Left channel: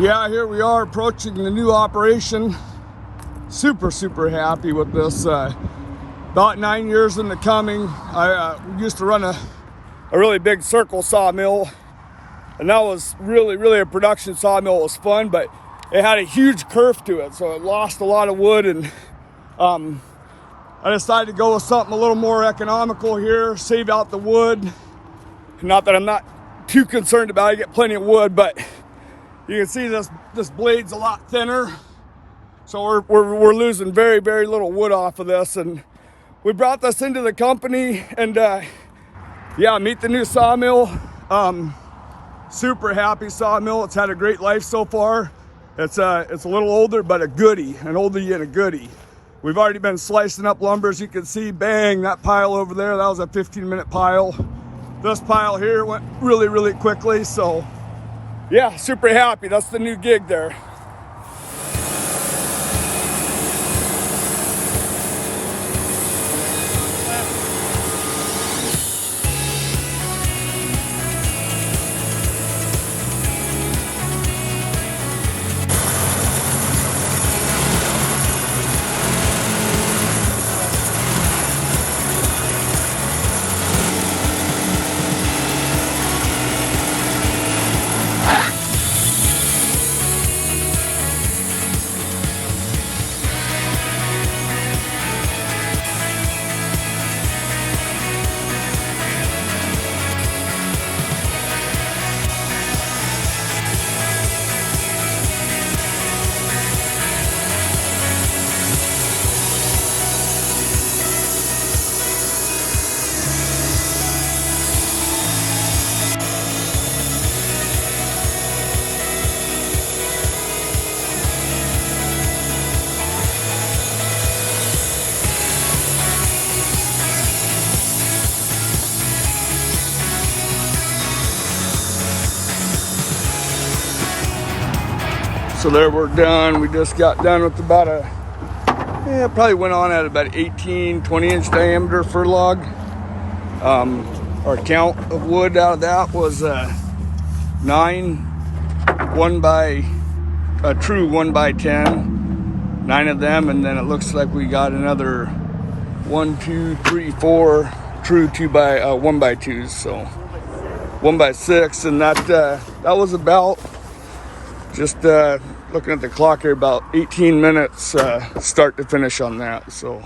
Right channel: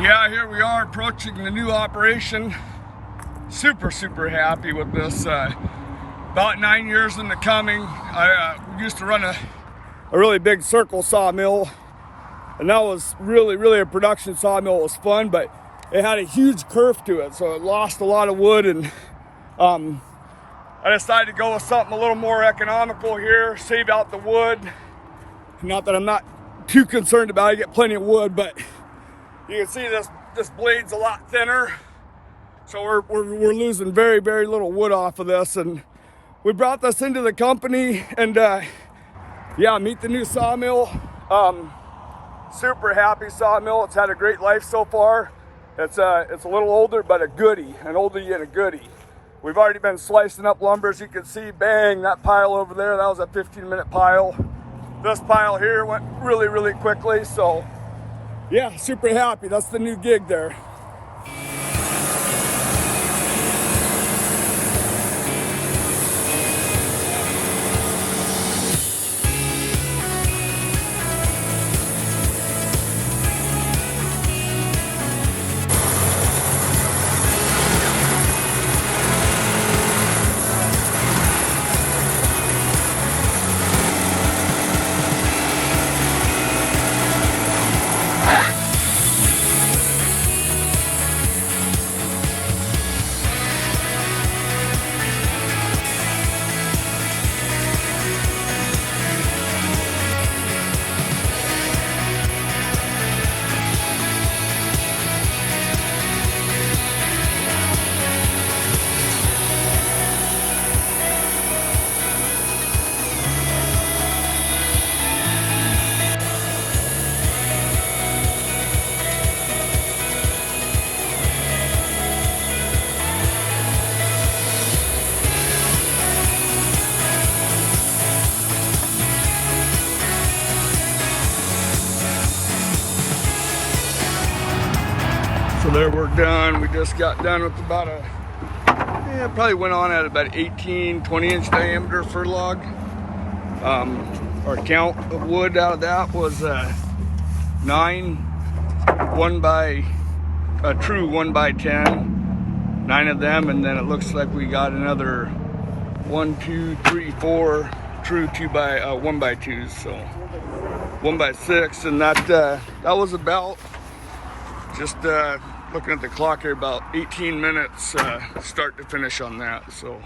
Yeah, here we are approaching the new operation. Super happy with this. About 9 years in the coming. We used to run a really big circle sawmill, and that was really a production sawmill. It was fun, but it had a huge curve to it, so it lost a lot of wood, and I decided to go with something a little more economical here, save out the wood. Not that I'm not too concerned about it, I get plenty of wood, but you can see this blade's a lot thinner, so we're losing very little wood off of this. And we brought this into the company, and yeah, meet the new sawmill. Super happy sawmill. It's had a great life so far. It's a little older, but a goodie, an oldie and a goodie. We've already been slicing up lumber, as you can see. Bang, that pile over there, that was a 15-minute pile. This pile here went really quickly, so yeah, super happy. That's the new gig there. So there, we're done. We just got done with about probably went on at about 18, 20 inch diameter for log. Our count of wood out of that was 9, a true 1x10, 9 of them, and then it looks like we got another 1, 2, 3, 4 true 1x2s, so 1x6, and that was about, just looking at the clock here, about 18 minutes start to finish on that. So